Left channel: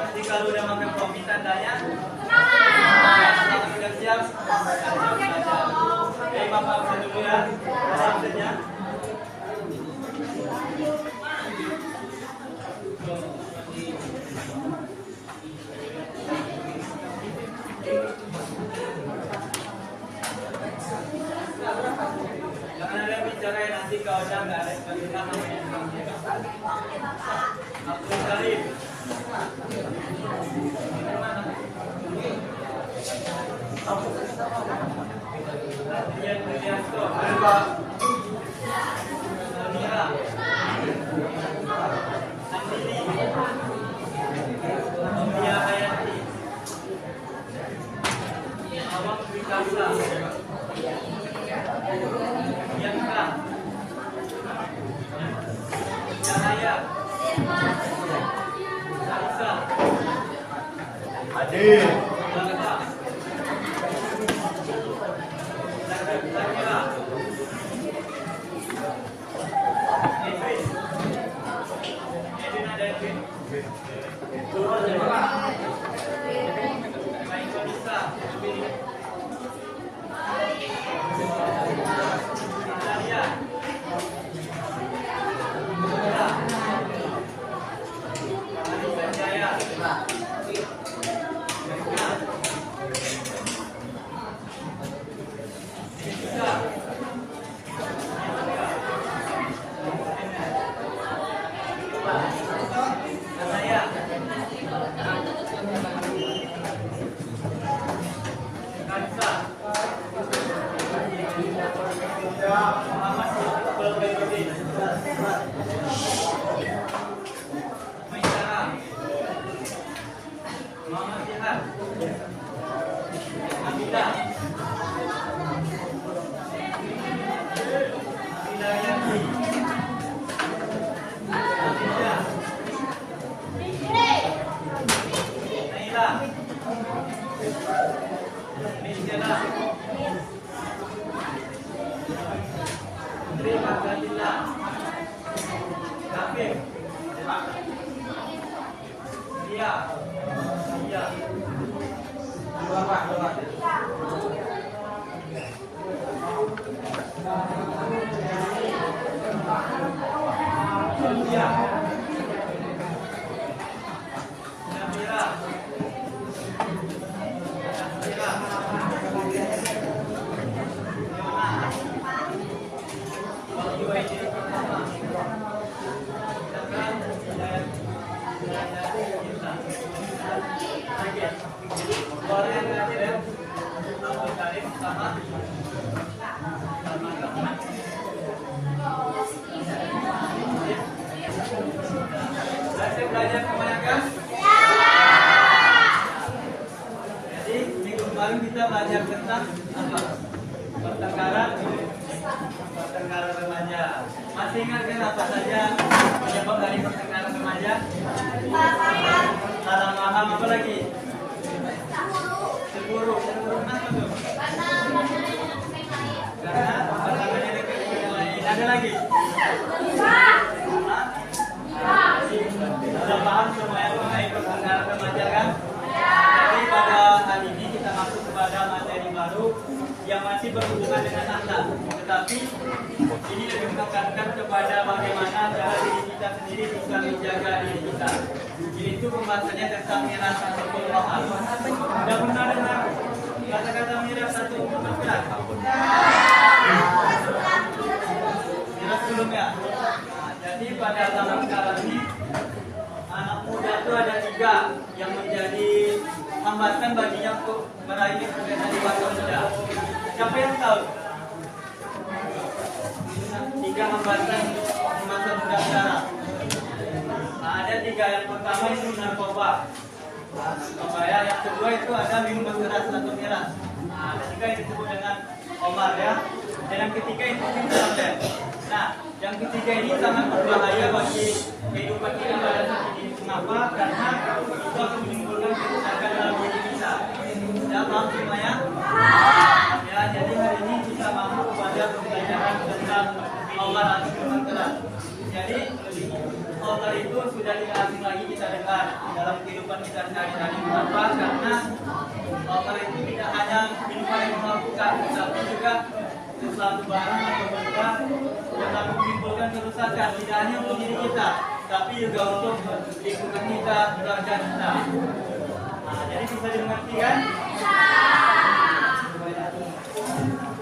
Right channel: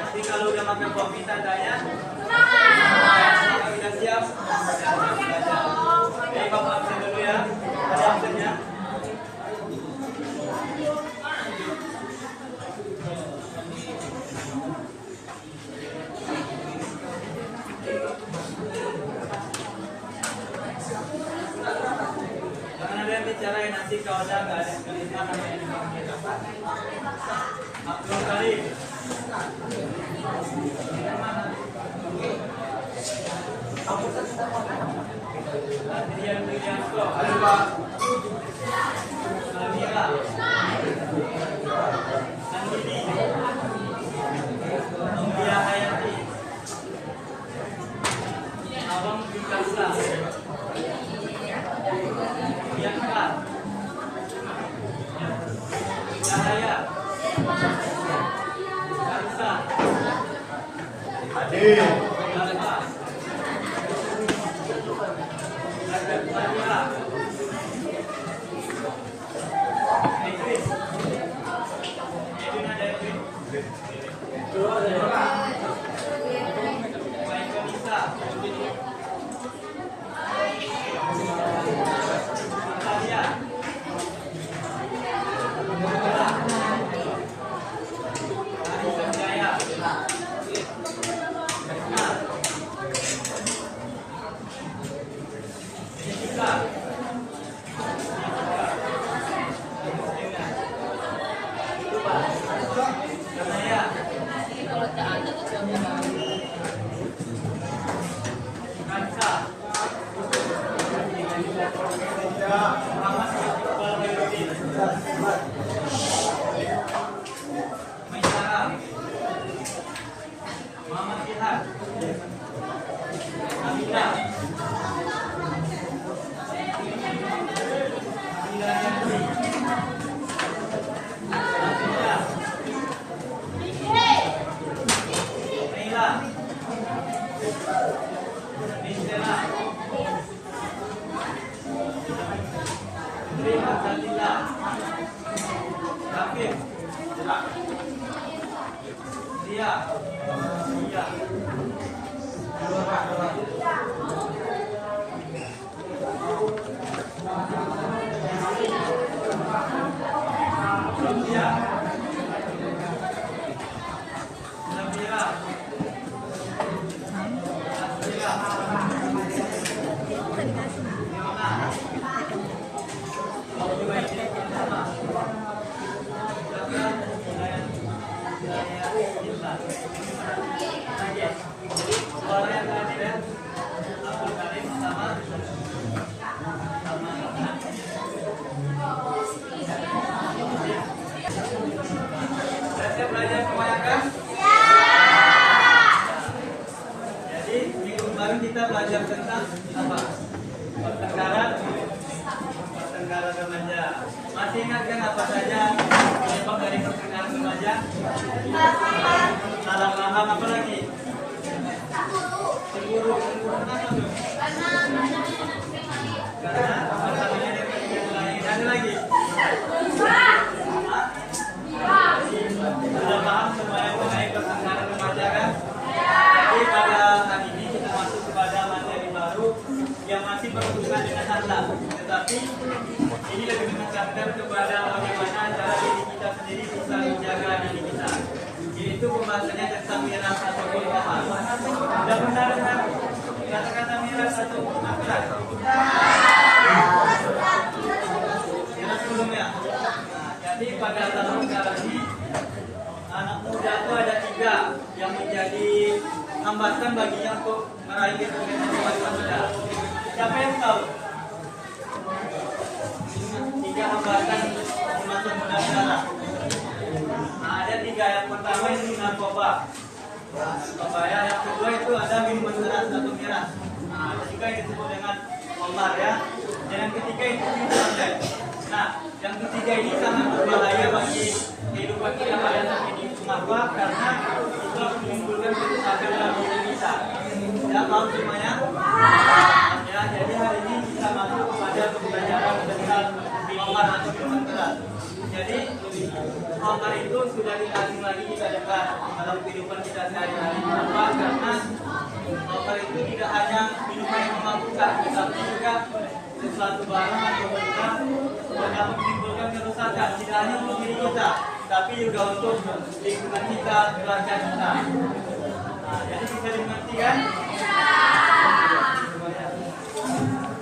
Nanti kalau udah makan kopi tandanya sudah siap. Oke, Bapak absen dulu ya. Ada absennya. Jangan ada yang bicara ya, nanti kalau ada nggak ada yang terlihat sama yang Abdul Karim. Adrian Priyanto, Samira, Andini, Ombia Hayati, Awang Wikasa, Bianca, Cahaya, Kaisa, Hadir. Bapak, Samira, Edwin, ada Edwin, Michael Lisa, Natalia, Ari Sanjaya, Jessica, Anaya, Kansa, Muhammad Iqbal Khairuddin, Maisara, Muhammad Jihad, Amina, Amina Yanti, Atisha, Naila, Mistela, Putri Abdillah, Rafif, Ria, Ria, Sofia, Nabila, Nasira, belajar kebanyakan? Jadi minggu kemarin kita belajar tentang apa? Pertengkaran remaja. Masih ingat kan apa saja penyebab dari pertengkaran remaja? Salah paham, apa lagi? Cemburu kenapa tuh? Karena pasangannya dekat dengan lain. Ada lagi? Sudah paham semua yang mengenai pertengkaran remaja kan? Jadi pada hari ini kita masuk kepada materi baru yang masih berhubungan dengan anak. Tetapi ini lebih menekankan kepada bagaimana cara diri kita sendiri bisa menjaga diri kita. Yaitu pembahasannya tentang miras atau mahal. Sudah pernah dengar kata-kata miras atau mahal? Miras sebelumnya. Jadi pada tahun sekarang ini anak muda itu ada 3 yang menjadi hambatan baginya untuk meraih kesuksesan di masa muda. Siapa yang tahu? 3 hambatan di masa muda sekarang. Nah, ada 3. Yang pertama itu narkoba. Ya. Yang kedua itu ada minuman keras atau miras. Nah, ketiga yang disebut dengan omar ya. Dan yang ketiga itu internet. Nah, yang ketiga ini sangat berbahaya bagi kehidupan kita pada saat ini. Mengapa? Karena itu akan menimbulkan kerusakan dalam diri kita. Tidak mau semuanya? Ya, Nah, jadi hari ini kita masuk kepada pembelajaran tentang khamar atau minuman keras. Jadi khamar itu sudah tidak asing lagi kita dengar dalam kehidupan kita sehari-hari. Kenapa? Karena khamar itu tidak hanya minuman yang memabukkan, tetapi juga sesuatu barang atau benda yang dapat menimbulkan kerusakan, tidak hanya untuk diri kita, tapi juga untuk lingkungan kita, keluarga kita. Nah, jadi bisa dimengerti kan?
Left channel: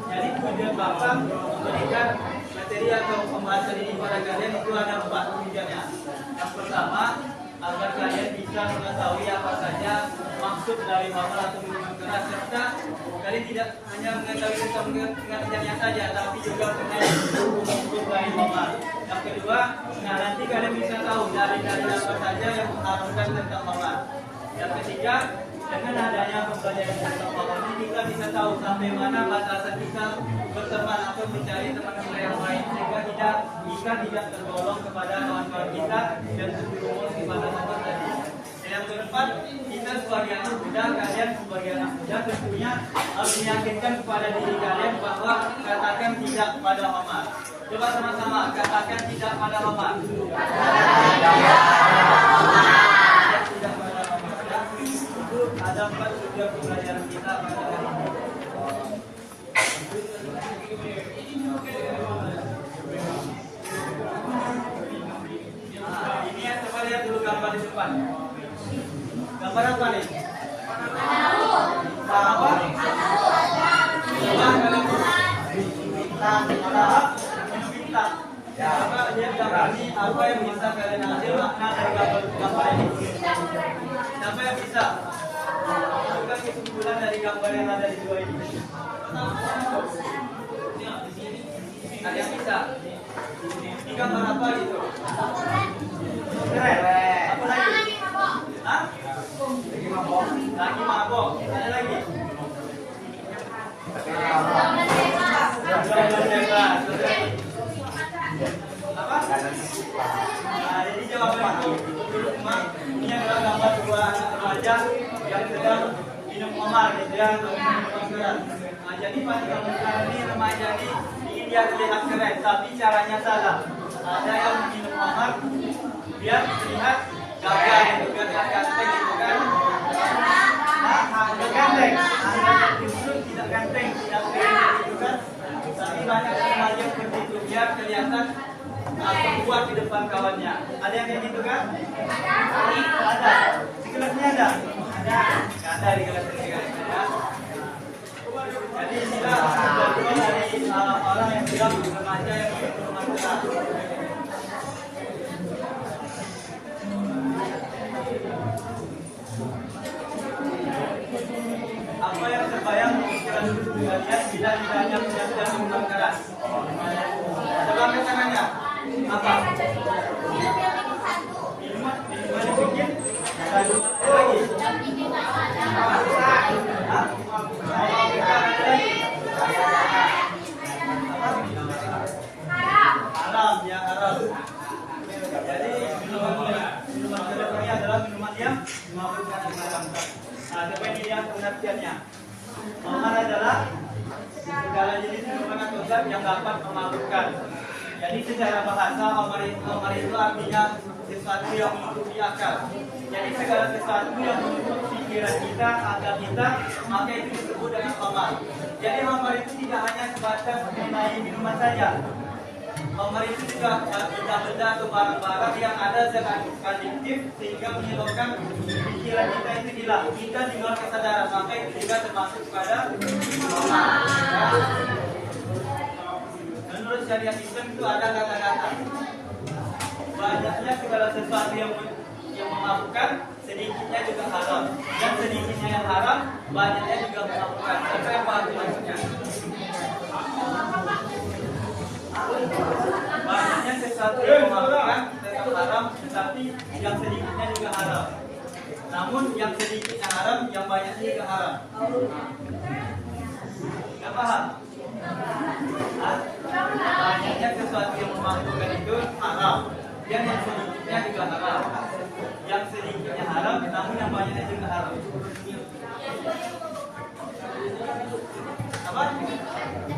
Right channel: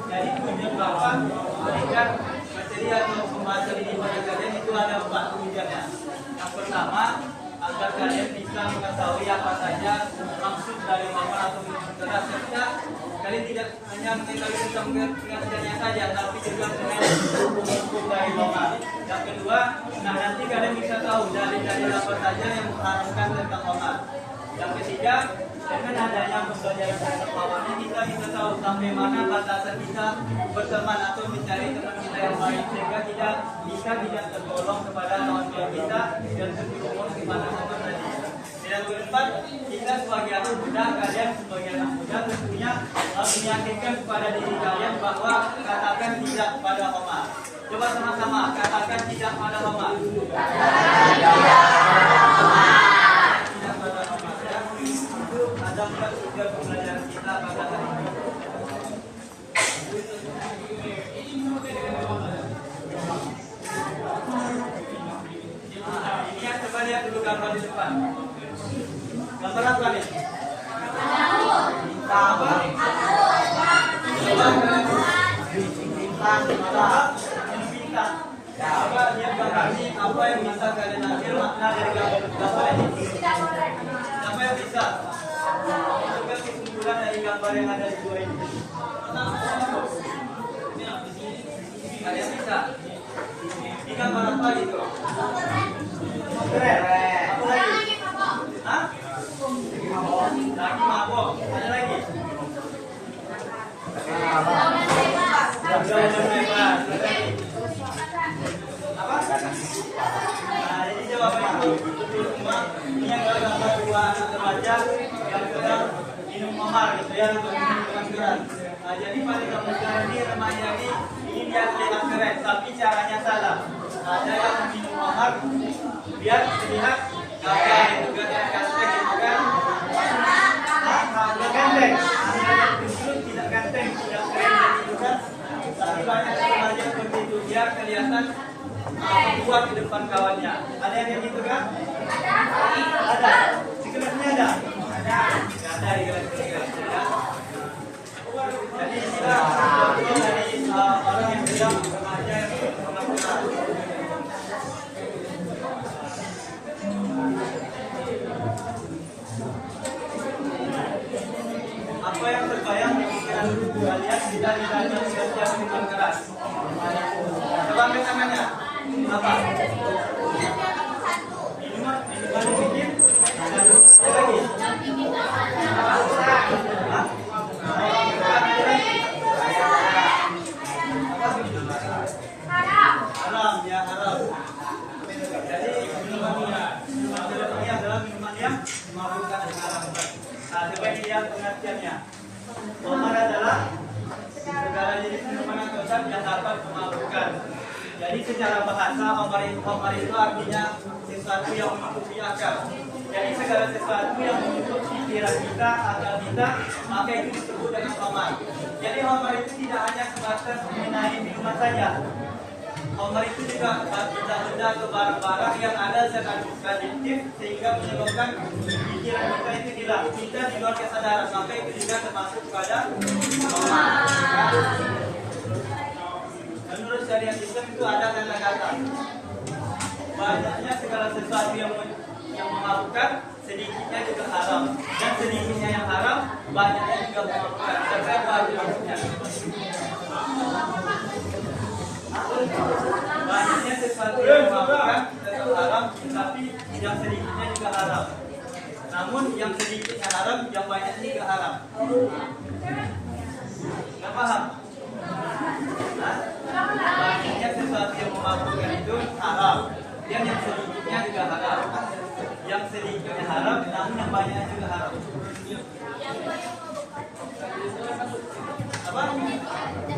Jadi kemudian Bapak berikan materi atau pembahasan ini pada kalian itu ada 4 kemudiannya. Yang pertama, agar kalian bisa mengetahui apa saja maksud dari khamar atau minuman keras, serta kalian tidak hanya mengetahui tentang pengertiannya saja, tapi juga mengenai hukum dari khamar. Yang kedua, nah nanti kalian bisa tahu dari apa saja yang mengharamkan tentang khamar. Yang ketiga, dengan adanya pembelajaran tentang khamar ini kita bisa tahu sampai mana batasan kita berteman atau mencari teman kita yang baik, sehingga tidak tergolong kepada kawan-kawan kita dan terjerumus di mana saja tadi. Dan yang keempat, kita sebagai anak muda, kalian sebagai anak muda tentunya harus meyakinkan kepada diri kalian bahwa katakan tidak pada khamar. Coba sama-sama katakan tidak pada khamar. Tidak pada khamar. Itu ada 4 tujuan pembelajaran kita pada hari ini. Ini ya, coba lihat dulu gambar di depan. Gambar apa nih? Apa? Bintang. Coba lihat gambar ini, apa yang bisa kalian ambil makna dari gambar ini? Siapa yang bisa? Juga kesimpulan dari gambar yang ada di dua ini. Kalian bisa? Ini gambar apa gitu? Keren. Apa lagi? Hah? Lagi mabok. Ada lagi? Bebas. Apa? Nah, ini jawabannya itu. Ini adalah gambar 2 anak remaja yang sedang minum khamar, gitu ya, atau minuman keras. Nah, jadi pada gambar ini remaja ini ingin dia terlihat keren, tapi caranya salah. Ada yang minum khamar biar terlihat gagah, gitu kan, ganteng, gitu kan? Tidak ganteng, tidak ganteng, tidak keren, gitu kan? Tapi banyak remaja seperti itu, biar kelihatan kuat di depan kawannya. Ada yang kayak gitu kan? Ada. Di kelasnya ada? Nggak ada di kelas ini. Ya. Jadi inilah contoh dari orang yang bilang remaja yang berkelas. Apa yang terbayang di pikiran kalian tidak hanya belajar minuman keras? Coba angkat tangannya. Apa? Minuman dibikin? Ada lagi? Hah? Haram, ya haram. Jadi minuman keras ini adalah minuman yang memabukkan dan haramkan. Nah, ini dia pengertiannya. Khamar adalah segala jenis minuman atau zat yang dapat memabukkan. Jadi secara bahasa khamar itu artinya sesuatu yang menutupi akal. Jadi segala sesuatu yang menutup pikiran kita, akal kita, maka itu disebut dengan khamar. Jadi khamar itu tidak hanya sebatas mengenai minuman saja. Khamar itu juga benda-benda atau barang-barang yang ada zat adiktif sehingga menyebabkan pikiran kita itu hilang. Kita di luar kesadaran, maka itu juga termasuk kepada khamar. Menurut syariat Islam itu ada kata-kata banyaknya segala sesuatu yang memabukkan, sedikitnya juga haram, dan sedikitnya yang haram, banyaknya juga memabukkan. Sampai apa arti maksudnya? Banyaknya sesuatu yang memabukkan tetap haram, tetapi yang sedikitnya juga haram. Namun yang sedikitnya haram, yang banyaknya juga haram. Nggak paham? Banyaknya sesuatu yang memabukkan itu haram, dan yang sedikitnya juga haram. Yang sedikitnya haram, namun yang banyaknya juga haram. Apa?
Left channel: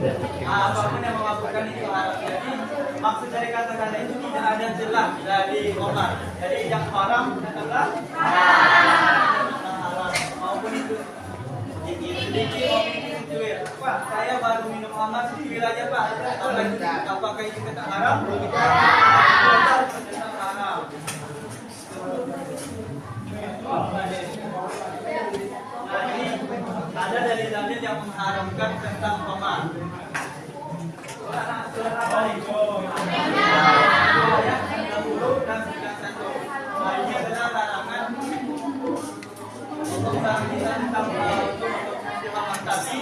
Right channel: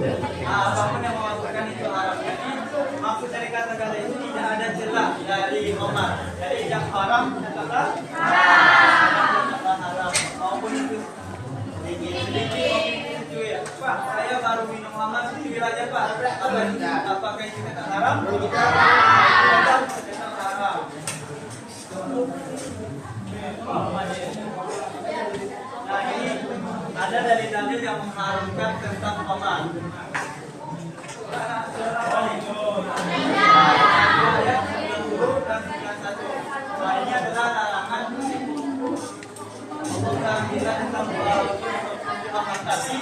Apapun yang memabukkan itu haram. Jadi maksud dari kata-kata itu tidak ada celah dari Omar. Jadi yang haram katakanlah haram. Maupun itu sedikit cuir. Pak, saya baru minum hangat cuir aja Pak. Apakah itu kata haram? Tetap haram. Nah ini ada dalil-dalil yang mengharamkan tentang khamar. Surat apa nih? Ayat 90 dan 91. Nah ini adalah larangan tentang khamar. Tapi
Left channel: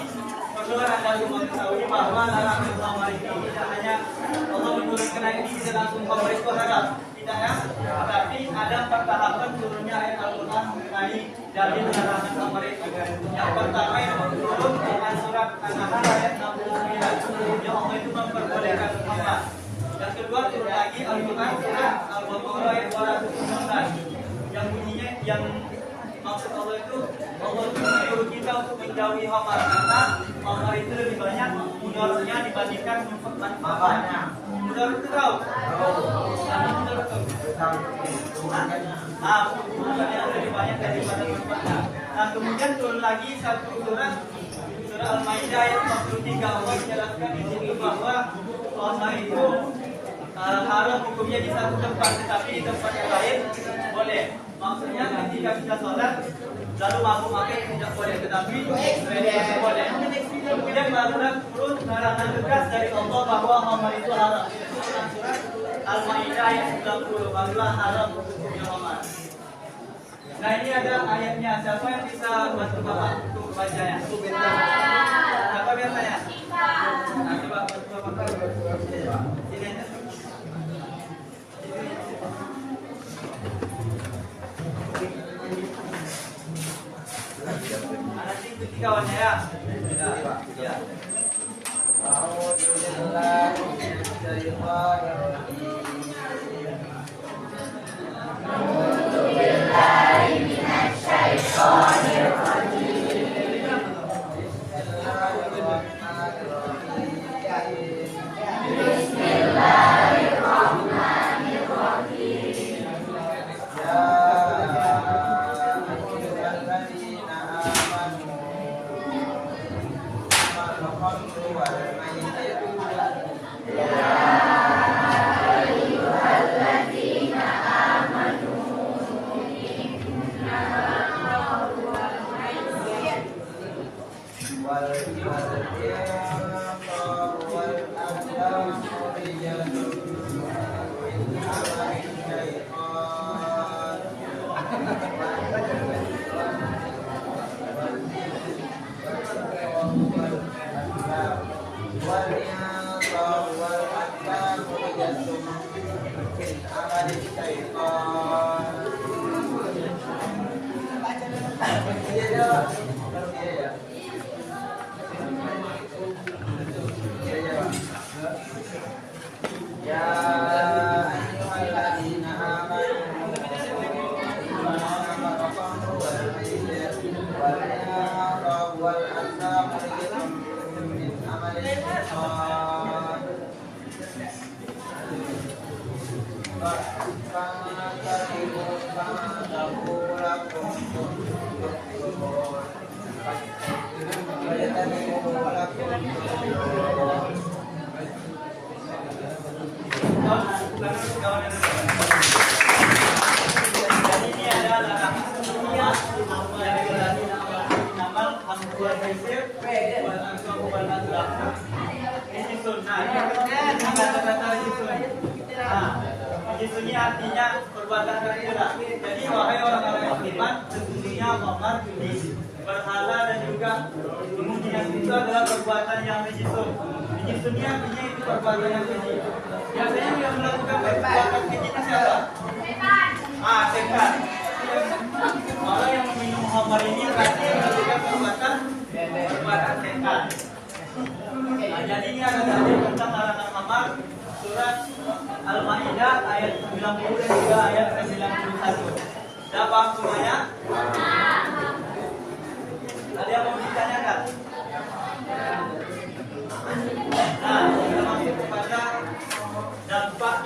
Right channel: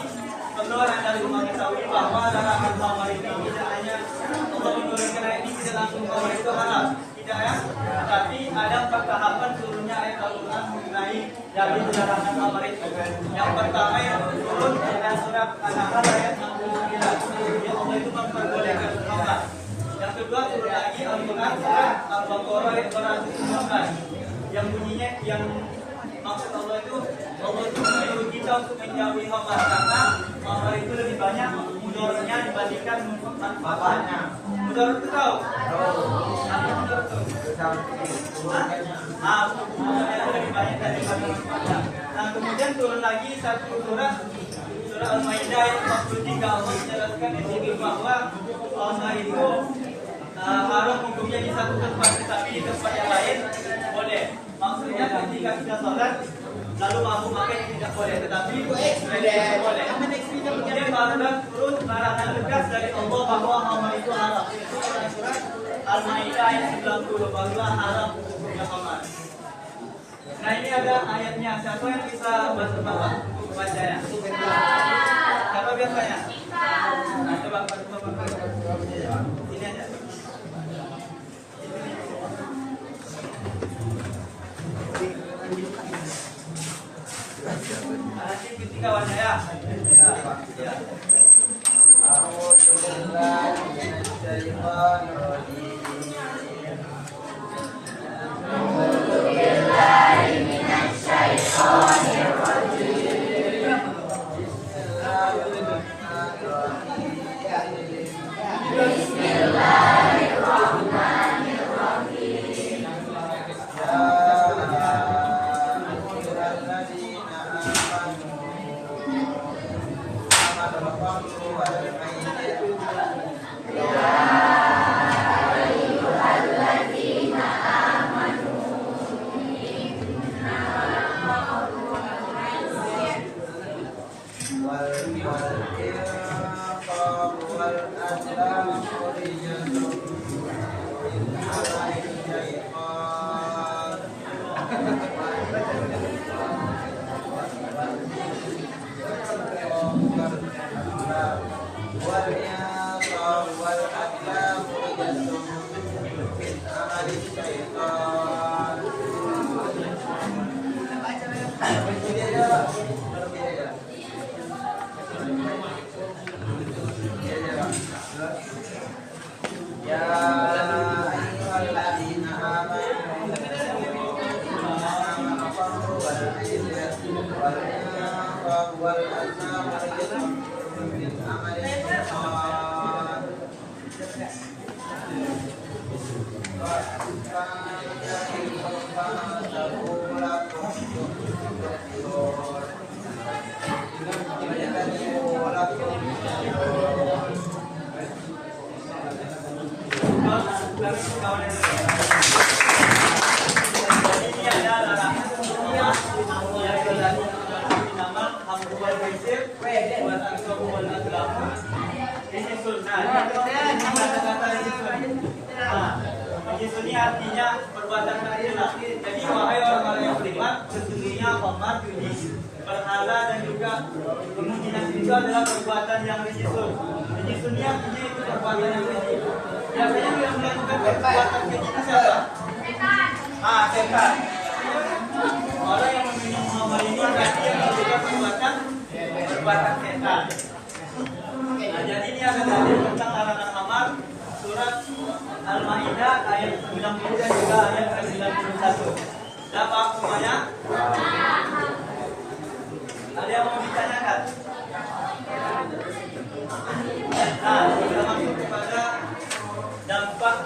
perlu Anda mengetahui bahwa larangan khamar ini tidak hanya Allah menurunkan ayat ini tidak langsung khamar itu haram. Ya, tapi ada 4 tahapan turunnya ayat Al-Quran mengenai dalil larangan khamar itu. Yang pertama yang turun dengan surat An-Nahl ayat 69. Yang Allah itu memperbolehkan khamar. Yang kedua turun lagi Al-Quran surat Al-Baqarah ayat 219. Yang bunyinya yang maksud Allah itu menyuruh kita untuk menjauhi khamar karena khamar itu lebih banyak mudaratnya dibandingkan manfaatnya. Mudarat itu tahu? Mudarat itu lebih banyak daripada manfaatnya. Nah kemudian turun lagi satu surah Al-Maidah ayat 43. Allah menjelaskan di situ bahwa khamar itu haram hukumnya di satu tempat, tetapi di tempat yang lain boleh. Maksudnya ketika sudah sholat lalu mabuk apa tidak boleh, tetapi boleh. Kemudian barulah turun larangan tegas dari Allah bahwa khamar itu haram. Itu dalam surat Al-Maidah ayat 90. Barulah haram hukumnya khamar. Nah ini ada ayatnya. Siapa yang bisa bantu Bapak untuk baca ya? Apa biasanya? Nah coba bantu Bapak. Sini aja. Anak ikuti kawannya ya. Ya. Ini artinya perbuatan tercela. Jadi wahai orang-orang yang beriman, sesungguhnya khamar, judi, berhala dan juga kemungkinan itu adalah perbuatan yang rijisun. Rijisun ini artinya itu perbuatan yang keji. Biasanya yang melakukan perbuatan kejinya siapa? Setan. Setan. Orang yang meminum khamar ini berarti melakukan perbuatan setan. Nah, jadi ini ada dalil tentang larangan khamar. Surat Al-Maidah ayat 90 dan juga ayat 91. Dah paham semuanya? Ada yang mau ditanyakan?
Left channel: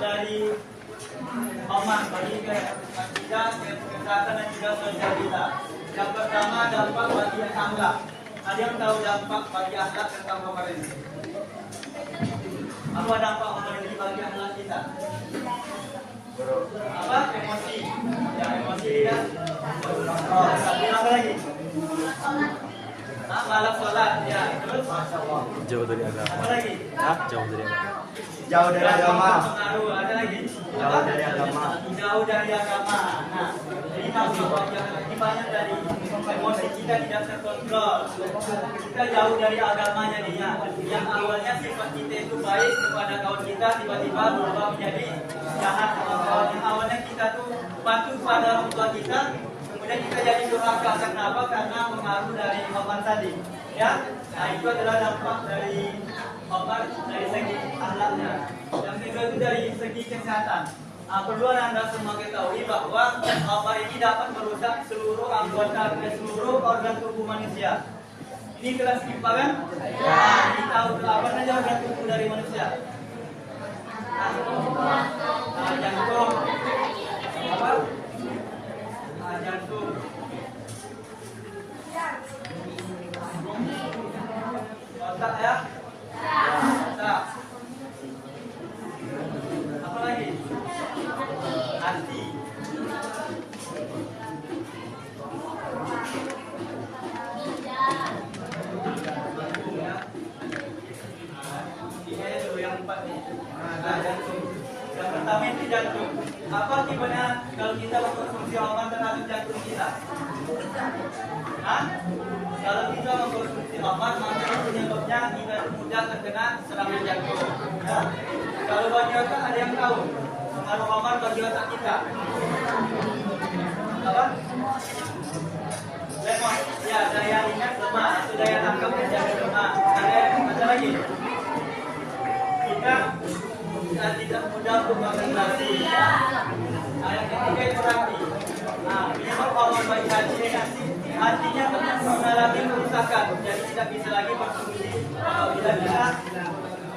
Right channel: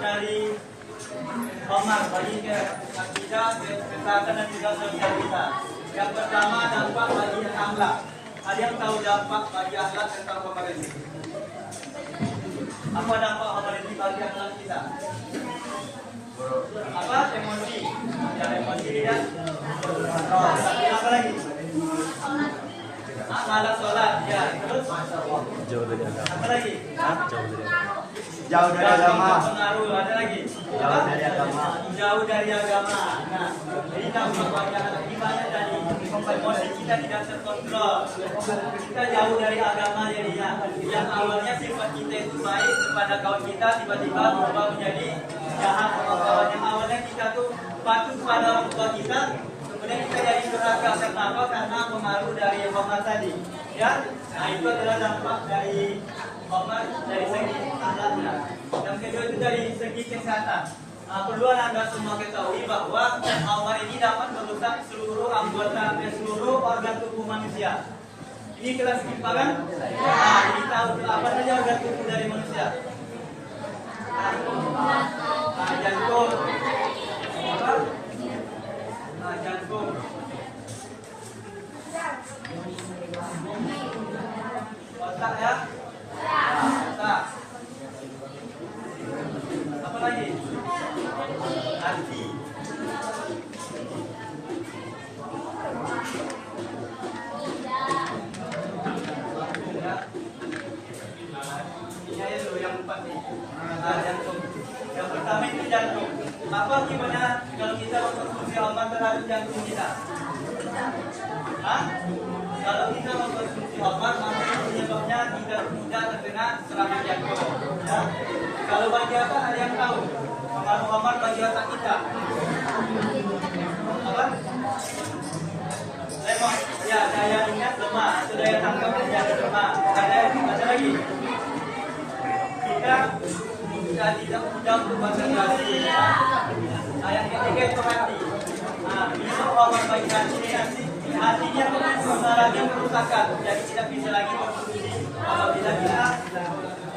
dari Omar bagi akidah, kesehatan dan juga sosial kita. Yang pertama dampak bagi akhlak. Ada yang tahu dampak bagi akhlak tentang Omar ini? Apa dampak Omar ini bagi akhlak kita? Apa? Emosi. Ya, emosi dia. Apa lagi? Malas sholat. Ya, terus? Jauh dari agama. Apa lagi? Jauh dari agama. Jauh dari agama. Pengaruh. Ada lagi? Jauh dari agama. Jauh dari agama. Nah, jadi dampak bagi akhlak gimana tadi? Emosi kita tidak terkontrol. Kita jauh dari agama jadinya. Yang awalnya sifat kita itu baik kepada kawan kita tiba-tiba berubah menjadi jahat sama kawan. Yang awalnya kita tuh patuh pada orang tua kita, kemudian kita jadi durhaka. Karena apa? Karena pengaruh dari Omar tadi. Ya, nah itu adalah dampak dari Omar dari segi akhlaknya. Yang kedua itu dari segi kesehatan. Perlu Anda semua ketahui bahwa Omar ini dapat merusak seluruh anggota seluruh organ tubuh manusia. Ini kelas IPA kan? Ya. Ini tahu apa saja organ tubuh dari manusia? Jantung. Apa? Jantung. Otak ya? Otak. Apa lagi? Hati. Jantung ya. Ini itu yang empat nih. Jantung. Yang pertama itu jantung. Apa gimana kalau kita mengkonsumsi obat terhadap jantung kita? Hah? Kalau kita mengkonsumsi obat, maka penyebabnya kita mudah terkena serangan jantung. Ya? Kalau bagi otak ada yang tahu pengaruh obat bagi otak kita? Apa? Lemon. Ya, daya ingat lemah, atau daya tangkap menjadi lemah. Ada lagi. Kita tidak mudah untuk konsentrasi. Yang ketiga itu hati. Nah, ini obat bagi hati. Hatinya mengalami kerusakan, jadi tidak bisa lagi berfungsi apabila kita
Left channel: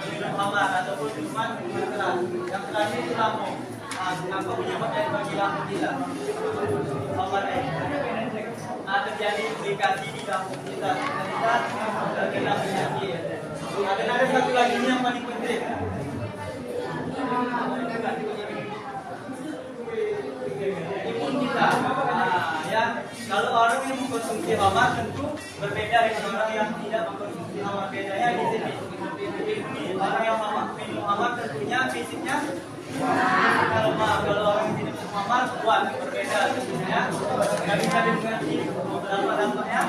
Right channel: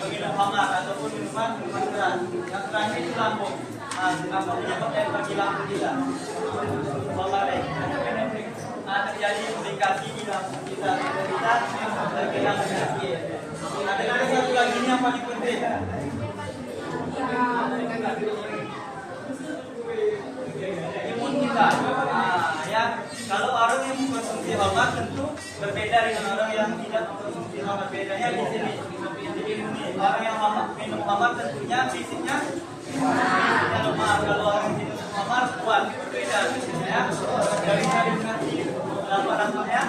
minum khamar ataupun minuman keras. Yang terakhir itu lambung. Apa penyebab yang bagi lambung kita? Khamar ini terjadi implikasi di lambung kita terkena penyakit. Ada satu lagi ini yang paling penting. Imun kita. Ya, kalau orang yang mengkonsumsi obat tentu berbeda dengan orang yang tidak mengkonsumsi obat. Bedanya di sini. Jadi orang yang minum obat tentunya fisiknya lemah. Kalau orang yang minum obat kuat, berbeda. Ya, nggak bisa dimengerti dampak-dampaknya.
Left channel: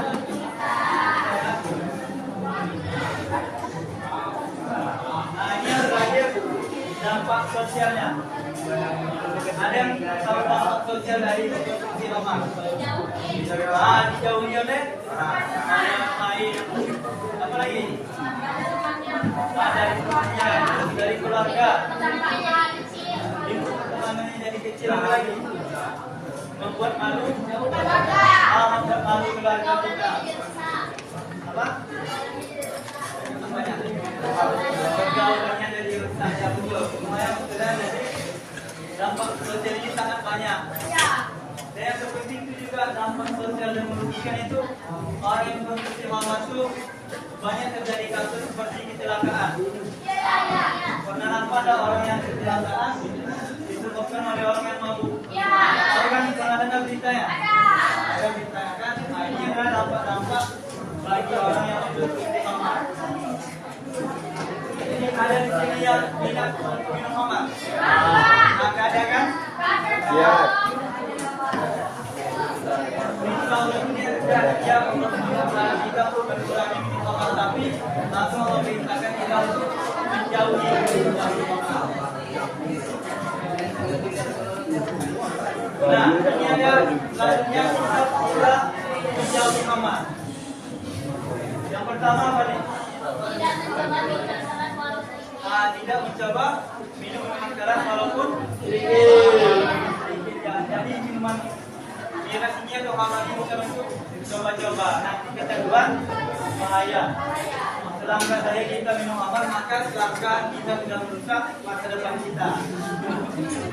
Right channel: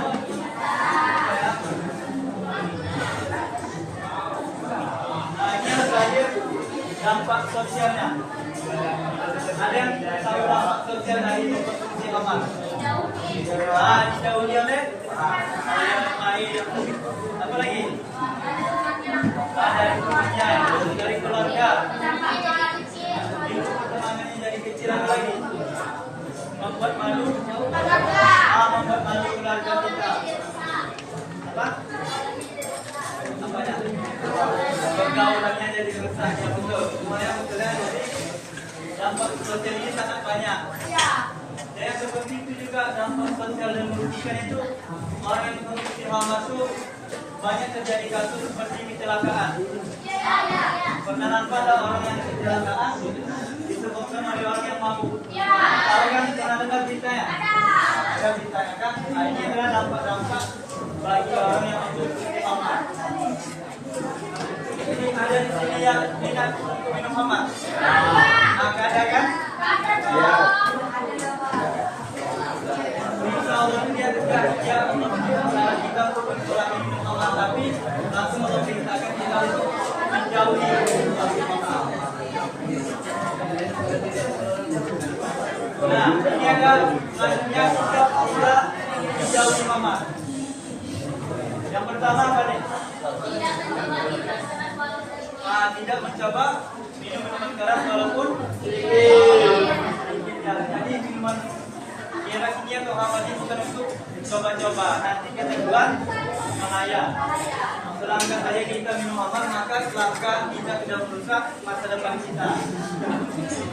Nah, ini yang terakhir dampak sosialnya. Ada yang tahu dampak sosial dari konsumsi obat? Dijauhi oleh air. Apa lagi? Dari temannya, dari keluarga. Ilmu pertemanannya dari kecil. Apa lagi? Membuat malu. Membuat malu keluarga kita. Apa? Apanya? Pergaulannya jadi rusak. Ya betul. Semuanya betul. Jadi dampak sosial ini sangat banyak. Dan seperti itu juga dampak sosial dan merugikan itu orang yang mengkonsumsi khamar itu banyak terjadi kasus seperti kecelakaan. Pernah nampak tak orang yang kecelakaan disebabkan oleh orang yang mabuk? Tahu kan pernah dengar beritanya? Ada beritanya kan? Nah, ini adalah dampak-dampak bagi orang yang mengkonsumsi khamar. Jadi ada di sini yang minat untuk minum khamar. Maka ada kan? Ya. Dia kita untuk mengurangi minum obat, tapi langsung memerintahkan kita untuk menjauhi. Nah, ini ada selanjutnya kita menjauhi obat. Yang pertama apa nih? Tidak mencoba minum minuman keras walaupun sedikit. Jadi minuman miras ini atau khamar ini bukan untuk coba-coba. Nanti kedua bahaya. selangkah saja kita minum amar, maka selangkah kita sudah merusak masa depan kita.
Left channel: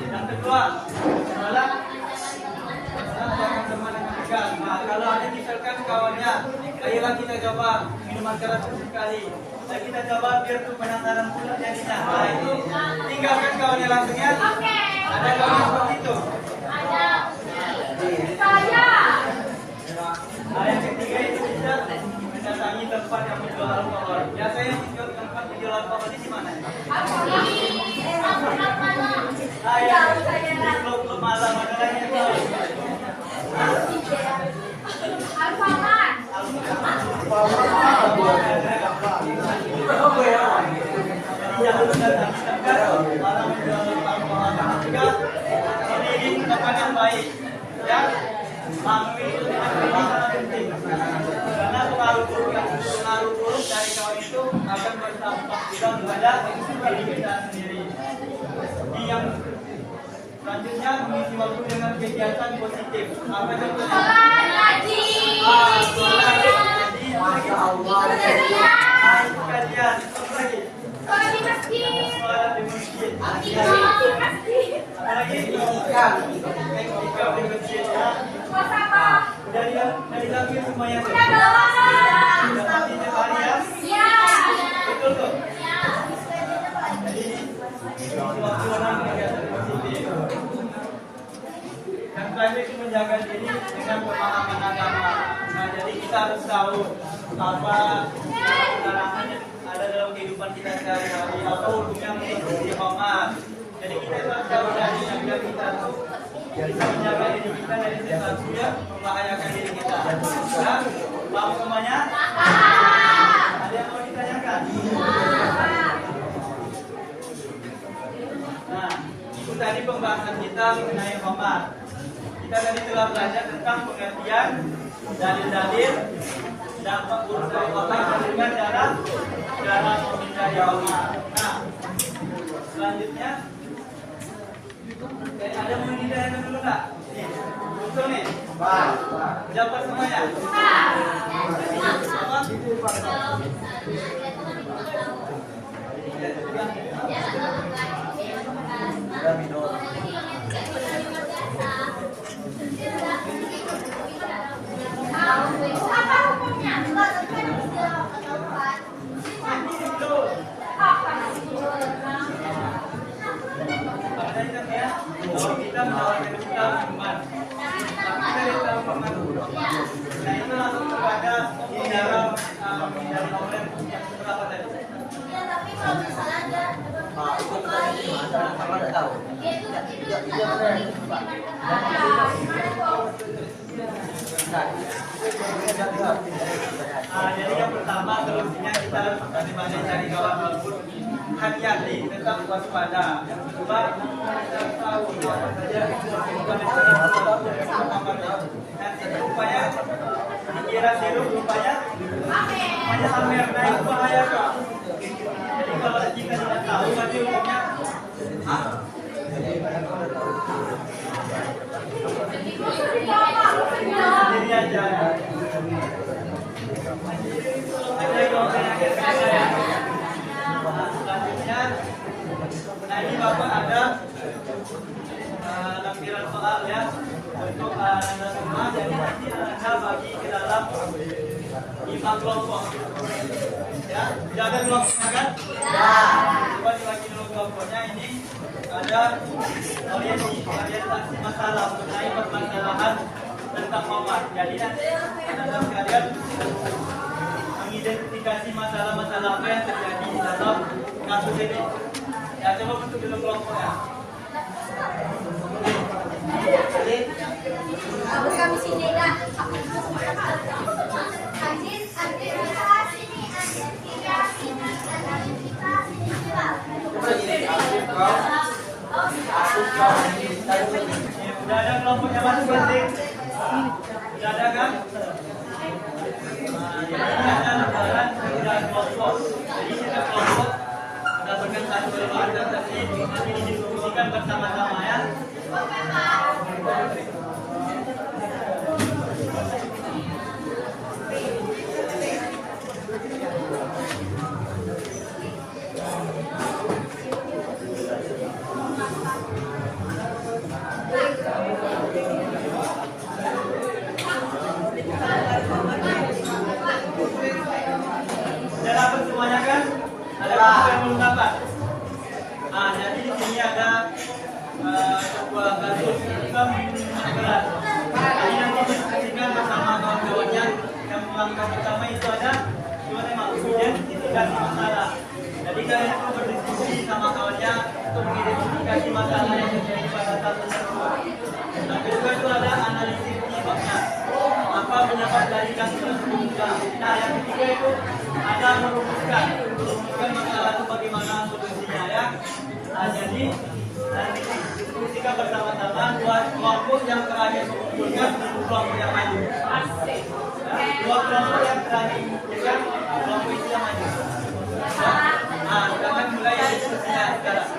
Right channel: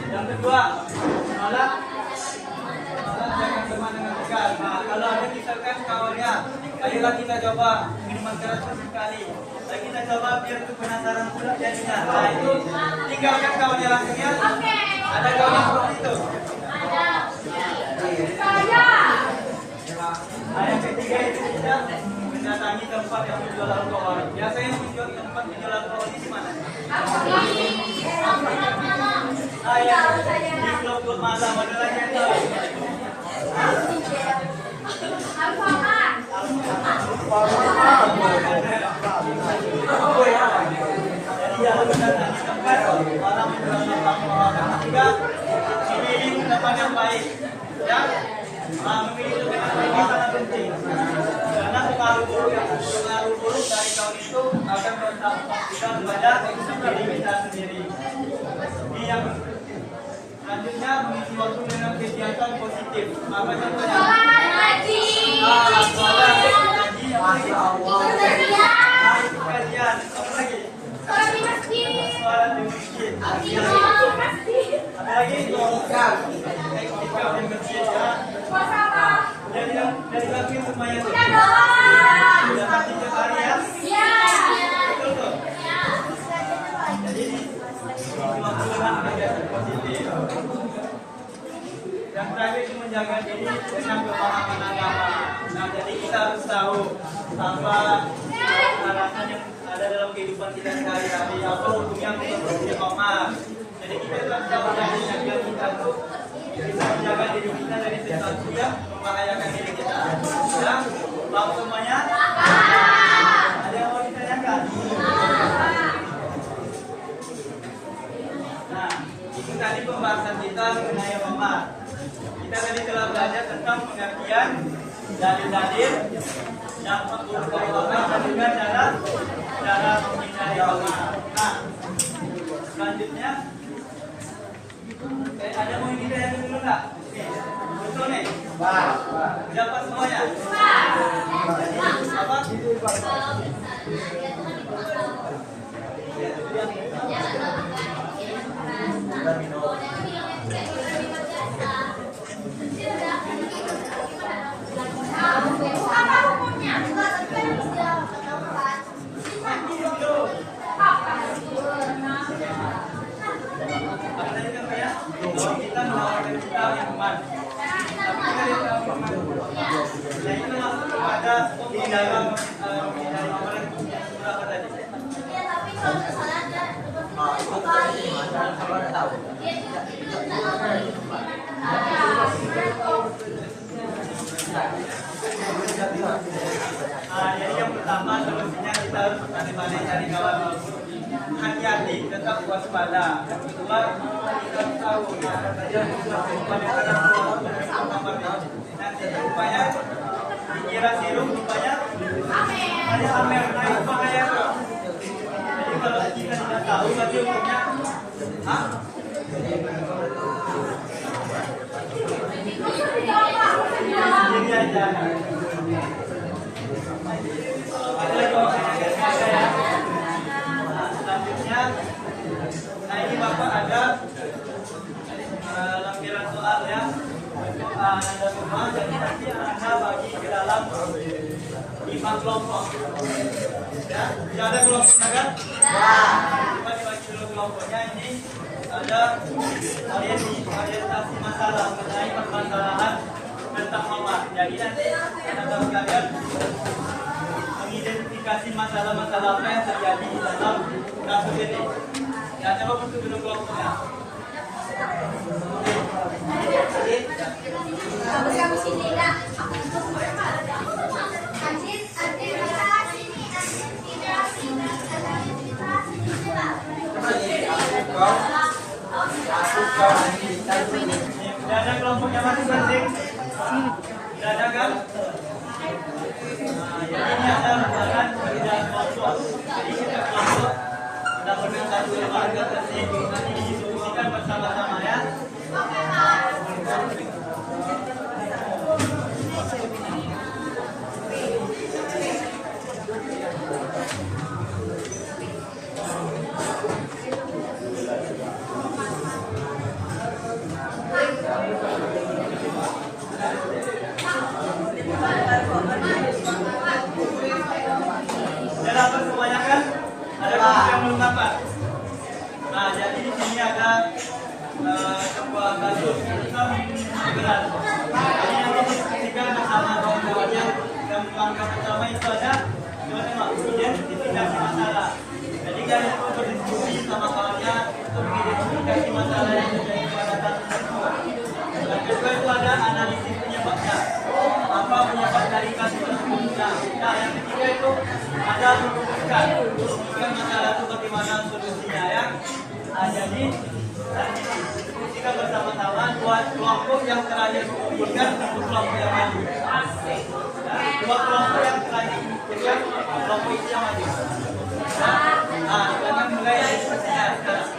Yang kedua, menolak jangan teman dengan dekat. Nah, kalau ada misalkan kawannya, ayolah kita coba minuman keras sekali. Ayo kita coba biar tuh penasaran pula jadinya. Nah, itu tinggalkan kawannya langsung ya. Ada kawan seperti itu? Ada. Saya. Nah, yang ketiga itu kita mendatangi tempat yang menjual alkohol. Biasanya menjual tempat menjual alkohol di mana? Saya di klub-klub malam, ada lagi yang tahu? Jadi jangan mendatangi tempat orang menjual alkohol. Ketiga, memilih tempat yang baik. Ya, memilih dengan baik sangat penting. Karena pengaruh buruk dari kawan itu akan berdampak juga kepada diri kita sendiri. Ini yang selanjutnya mengisi waktu dengan kegiatan positif. Apa contohnya? Sholat, ngaji, kajian, apa lagi? Sholat di masjid. Apa lagi? Etika di masjid. Dari lahir semuanya. Sudah mati tiap hari ya? Betul tuh. Jadi waktu dengan kegiatan positif. Yang terakhir itu menjaga diri dengan pemahaman agama. Nah, jadi kita harus tahu apa larangan yang ada dalam kehidupan kita sehari-hari, apa hukumnya menjadi ikhomar. Jadi kita harus tahu dari biar kita tuh bisa menjaga diri kita dari sesuatu yang membahayakan diri kita. Ya, paham semuanya? Ada yang mau ditanyakan? Nah, itu tadi pembahasan kita mengenai ikhomar. Kita tadi telah belajar tentang pengertian dalil-dalil dampak buruk dari ikhomar dan juga cara menghindari ikhomar. Nah, selanjutnya ada mau ini tanyakan dulu nggak? Betul nih? Dapat semuanya? Apa? Apa hukumnya? Kita menawarkan kita minuman, tapi kita lihat dalam pemahaman. Nah, itu langsung kepada di dalam menghindari amalan yang berapa tadi? Jadi yang pertama solusinya kita harus bagaimana cari kawan walaupun hati-hati, tetap waspada. Yang kedua, kita tahu apa saja kehidupan yang ada dalam kamarnya. Nanti rupanya dikira sirup, rupanya hanya amer. Nah, itu bahaya tuh. Jadi kalau kita tidak tahu, berarti hukumnya sendiri aja. Ada yang selanjutnya, nah ini Bapak ada lampiran soal ya untuk Anda semua. Jadi nanti Anda bagi ke dalam 5 kelompok ya. Ada kelompoknya kan? Ya. Coba dibagi dulu kelompoknya. Ini ada orientasi masalah mengenai permasalahan tentang Muhammad. Jadi nanti Anda sekalian mengidentifikasi masalah-masalah apa yang terjadi di dalam kasus ini. Ya, coba bentuk dulu kelompoknya. Kami sini enggak. Sudah ada kelompoknya masing-masing? Sudah ada kan? Ini ada perbedaan perbedaan kelompok. Jadi kita kelompok mendapatkan satu lembaga nanti didiskusikan bersama-sama ya. Islam berat. Jadi nanti diskusikan bersama kawan-kawannya. Yang langkah pertama itu ada gimana identifikasi masalah. Jadi kalian itu berdiskusi sama kawannya untuk mengidentifikasi masalah yang terjadi pada satu tersebut. Dan kedua itu ada analisis penyebabnya. Apa penyebab dari kasus tersebut? Nah, yang ketiga itu ada merumuskan masalah itu bagaimana solusinya ya. Nah, jadi nanti diskusikan bersama-sama dua kelompok yang terakhir mengumpulkan satu kelompok yang maju. Dua kelompok yang terakhir mengumpulkan kelompok itu yang maju. Nah, kita mulai diskusinya sekarang.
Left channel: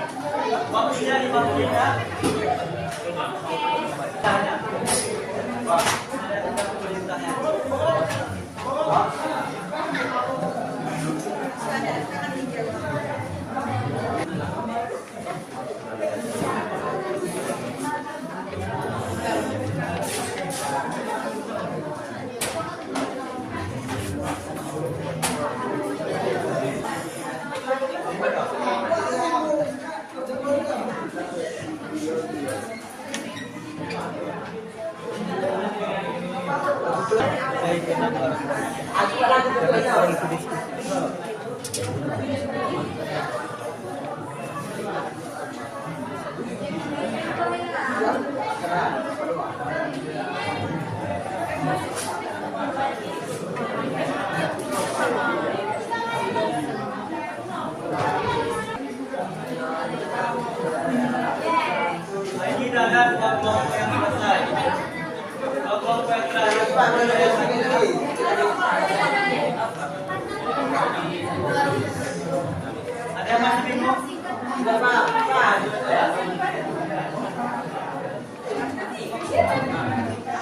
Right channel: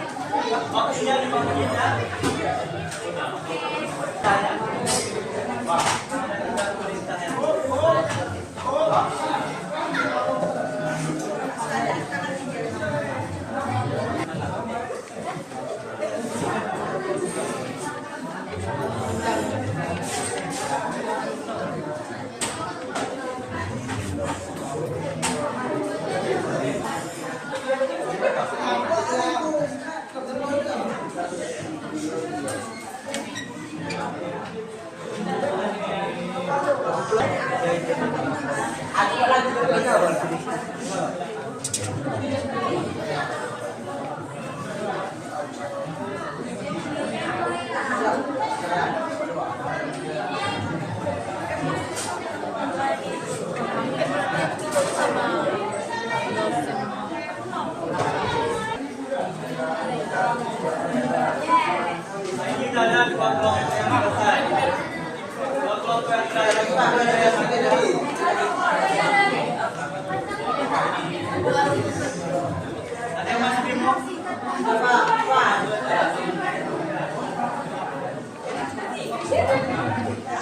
Waktunya 5 menit ya. Tanya. Kita tulis tanya. Ini ada dua kelompok yang selesai. Dua kelompok yang terakhir. Ada yang masih bingung?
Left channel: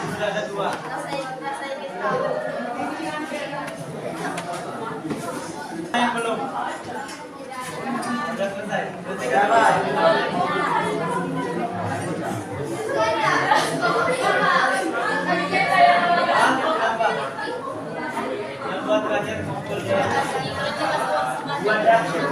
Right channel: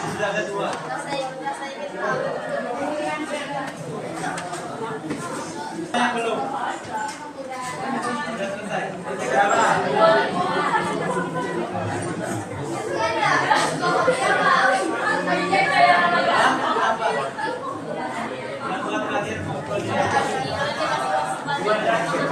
Sudah ada dua. Yang belum. Sudah selesai. Yang dua terakhir kumpul dia. Dua terakhir.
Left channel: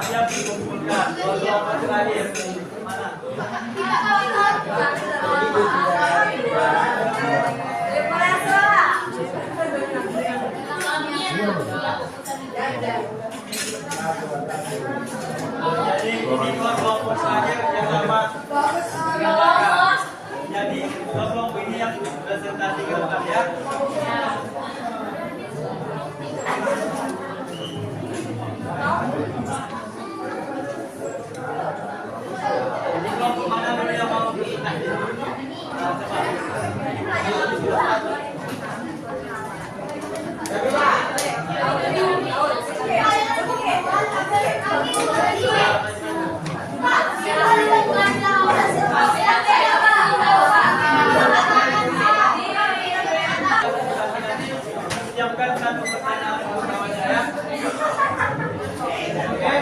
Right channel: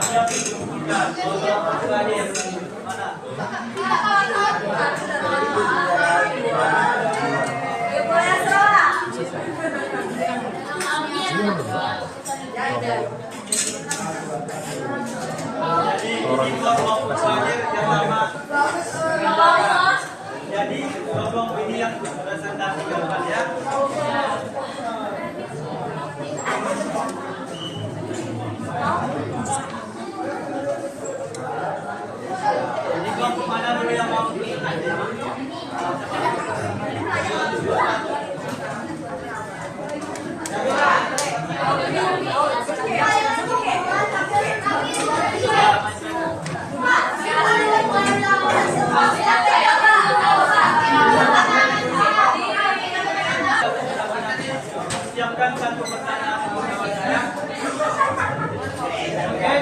Siap dikumpulkan. Kelompok terakhir. Mana? Jadi ini dua kelompok terakhir yang lama. Jadi kelompok ini yang presentasi gambar ya. Jadi kelompok mana dulu yang mau presentasi? Siapkan satu pertanyaan untuk kawannya ya. Oke.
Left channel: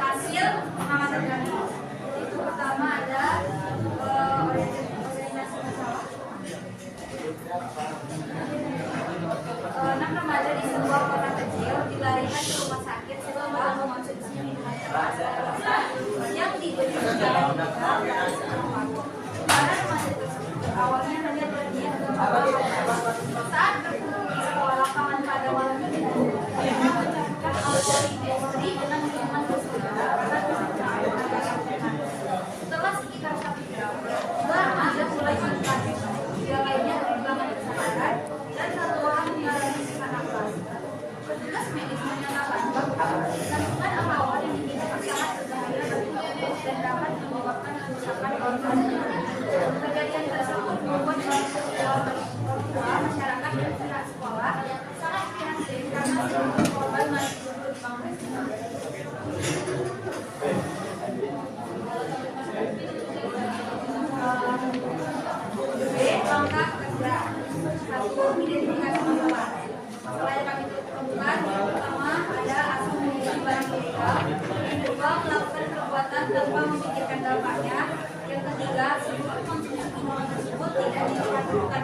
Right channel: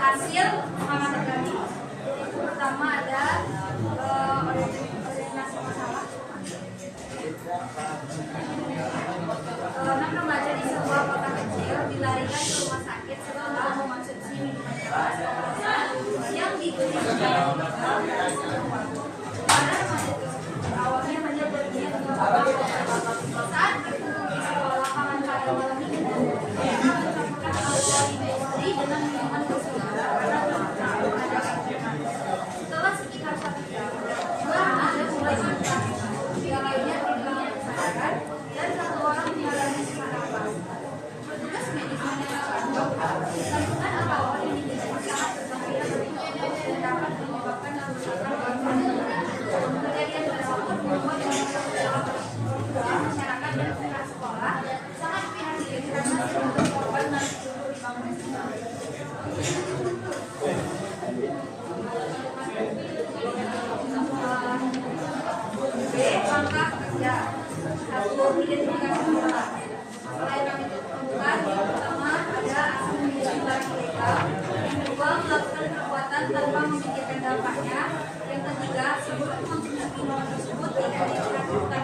Hasil pengamatan kami. Pertama ada orientasi masalah. 6 remaja di sebuah kota kecil dilarikan ke rumah sakit setelah mengonsumsi minuman keras yang diberikan para remaja tersebut. Awalnya hanya berniat untuk saat berkumpul di sebuah lapangan pada malam minggu, mereka mencampurkan alkohol di Kandungan alkohol yang diminum sangat berbahaya bagi tubuh dan dapat menyebabkan kerusakan organ. Kejadian tersebut membuat orang tua, masyarakat dan pihak sekolah sangat prihatin karena seluruh korban masih duduk di bangku SMA. B. Langkah kerja. 1. Identifikasi masalah. Masalah yang kami temukan yang pertama ada aksi menjual barang ilegal. Yang kedua, melakukan perbuatan tanpa memikirkan dampaknya. Yang ketiga, seluruh konsumsi minuman tersebut tidak diperhatikan.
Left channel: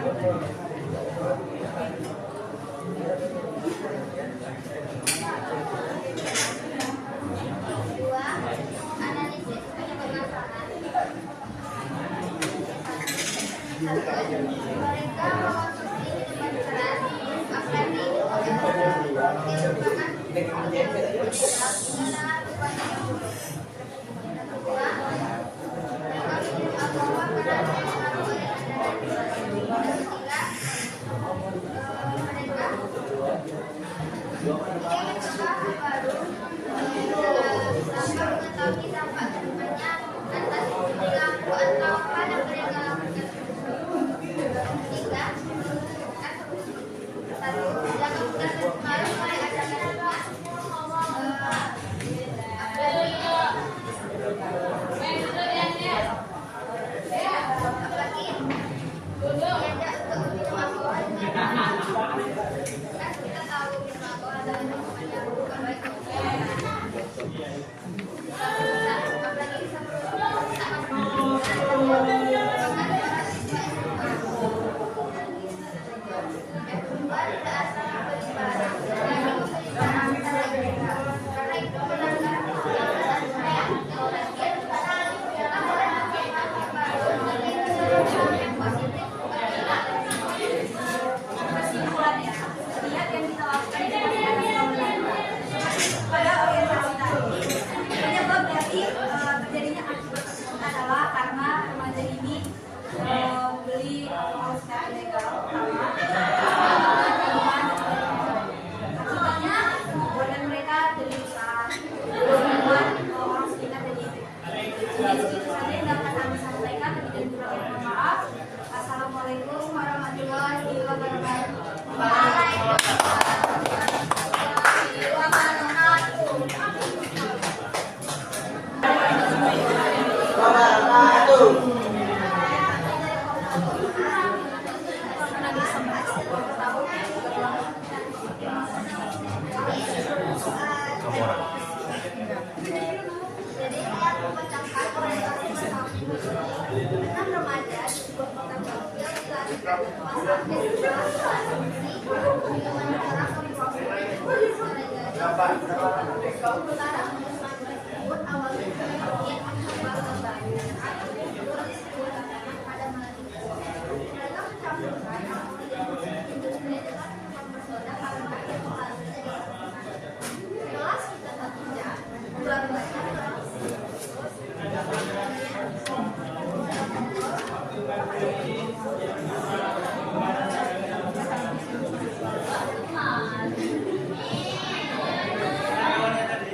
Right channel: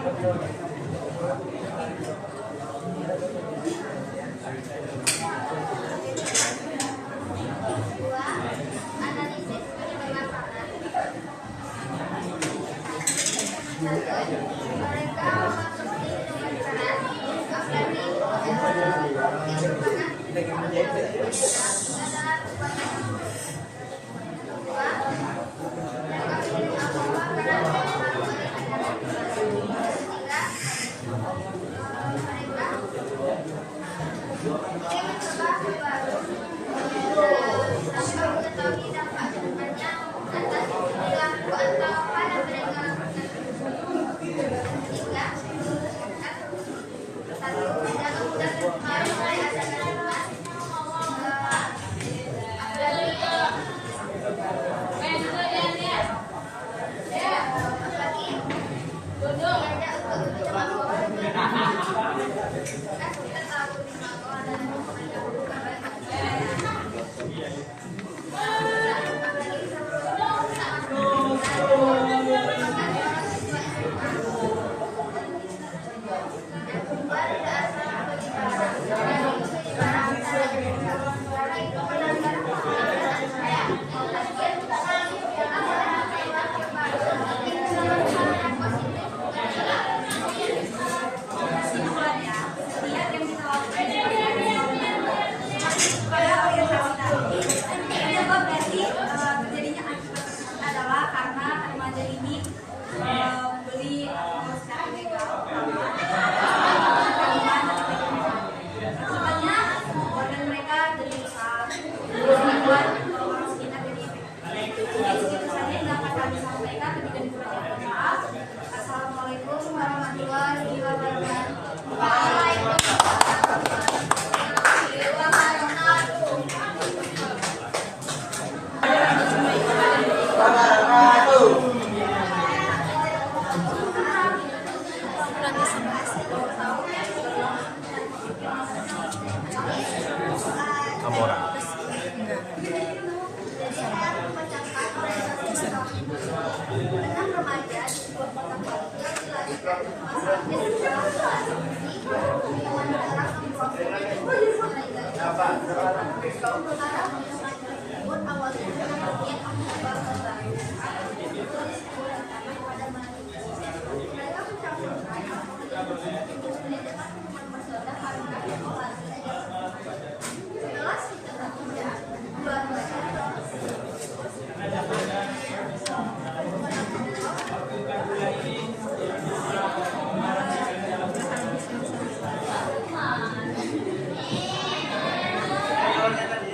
Assalamualaikum warahmatullahi wabarakatuh. Kamu orang. Enam remaja di sebuah kota kecil dilarikan ke rumah sakit setelah konsumsi minuman keras sementara remaja tersebut awalnya berniat mencoba kembali polis mengatakan pada malam itu mereka mencampurkan alkohol dan industri dengan minuman bersoda karena alkohol jelas kita tak tidak baru baca. Awalnya tadi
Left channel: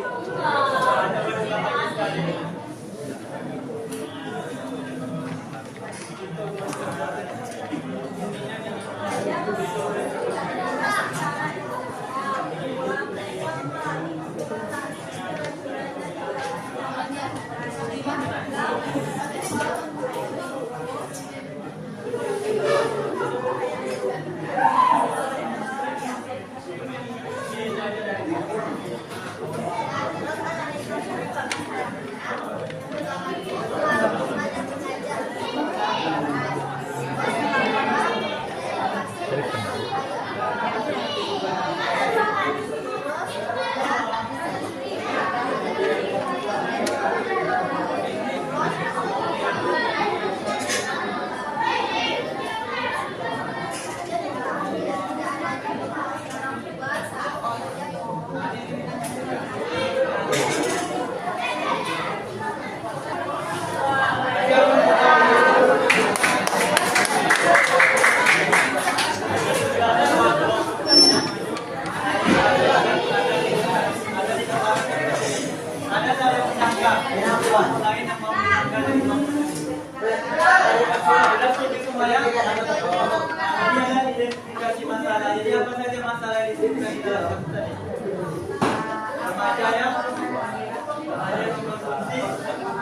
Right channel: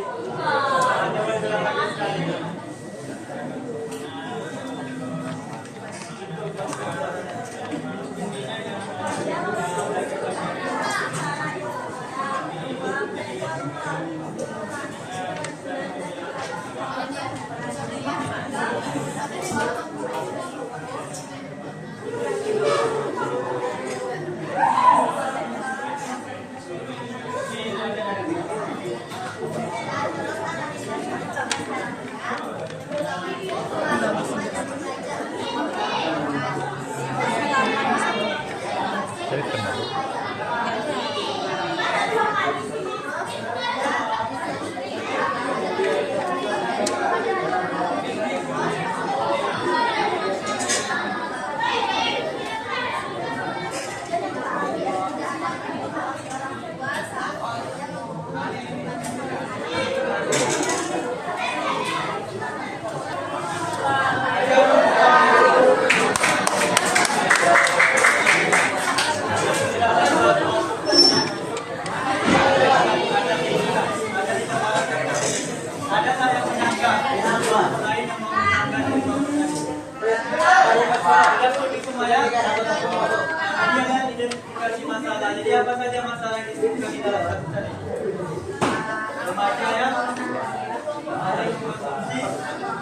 bukan di dalam satu tadi. Remaja yang ada yang mengkonsumsi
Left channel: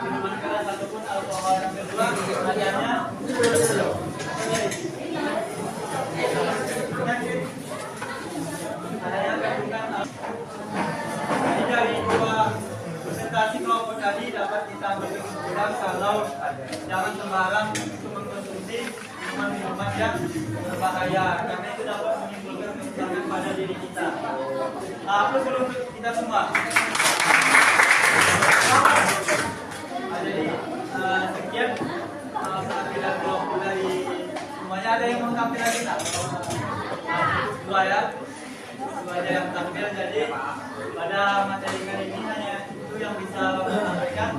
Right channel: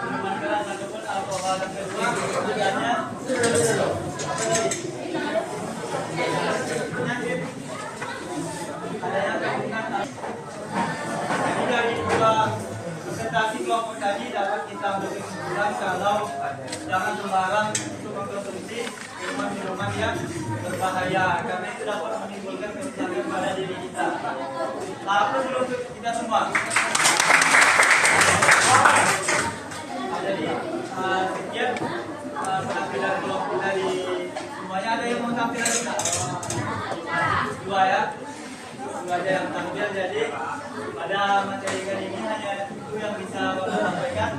minuman keras ataupun alkohol. Yang kedua adanya penyakit, adanya kandungan. Jadi dari dua presentasi kelompok tadi dapat kita berkesimpulan kalau jangan sembarang untuk mengkonsumsi minuman-minuman yang berbahaya, karena itu dapat menimbulkan kerusakan pada diri kita. Apa dulu untuk kita semua? Jadi sekian penampilan kelompok dari semuanya. Ada yang mengkampil lagi tak? Dua ya, dua aja yang tampil. Jadi pada materi kali ini hanya itu yang bisa Bapak sampaikan.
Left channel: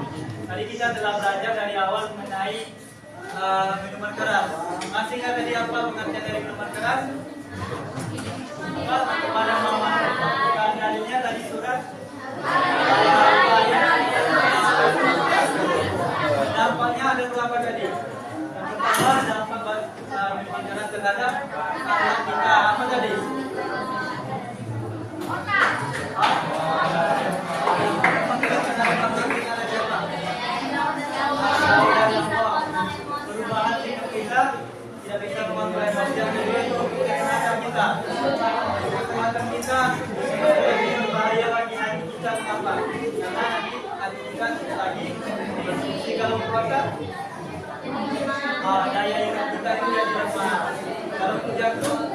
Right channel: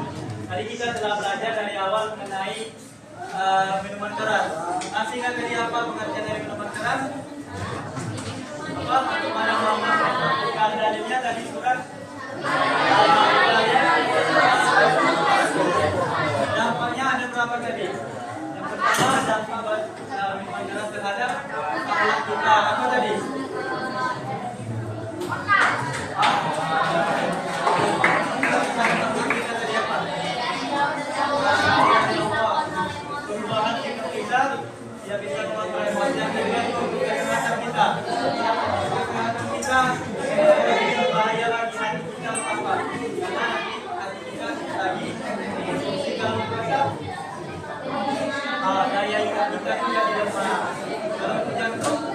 Tadi kita telah belajar dari awal mengenai minuman keras. Masih ingat tadi apa pengertian dari minuman keras? Apa? Kepada mama. Bukan dalilnya tadi surat. Dampaknya ada berapa tadi? Yang pertama dampak minuman keras terhadap anak kita. Apa tadi? Perubahan sikap kita tidak bisa mengontrol emosi yang kedua itu kecemasan kita. Kecemasan kita lebih berbahaya bagi hati kita apa? Karena hati kita lagi berfungsi kalau puasa. Daya ingat kita itu jadi lemah. Kalau itu jantung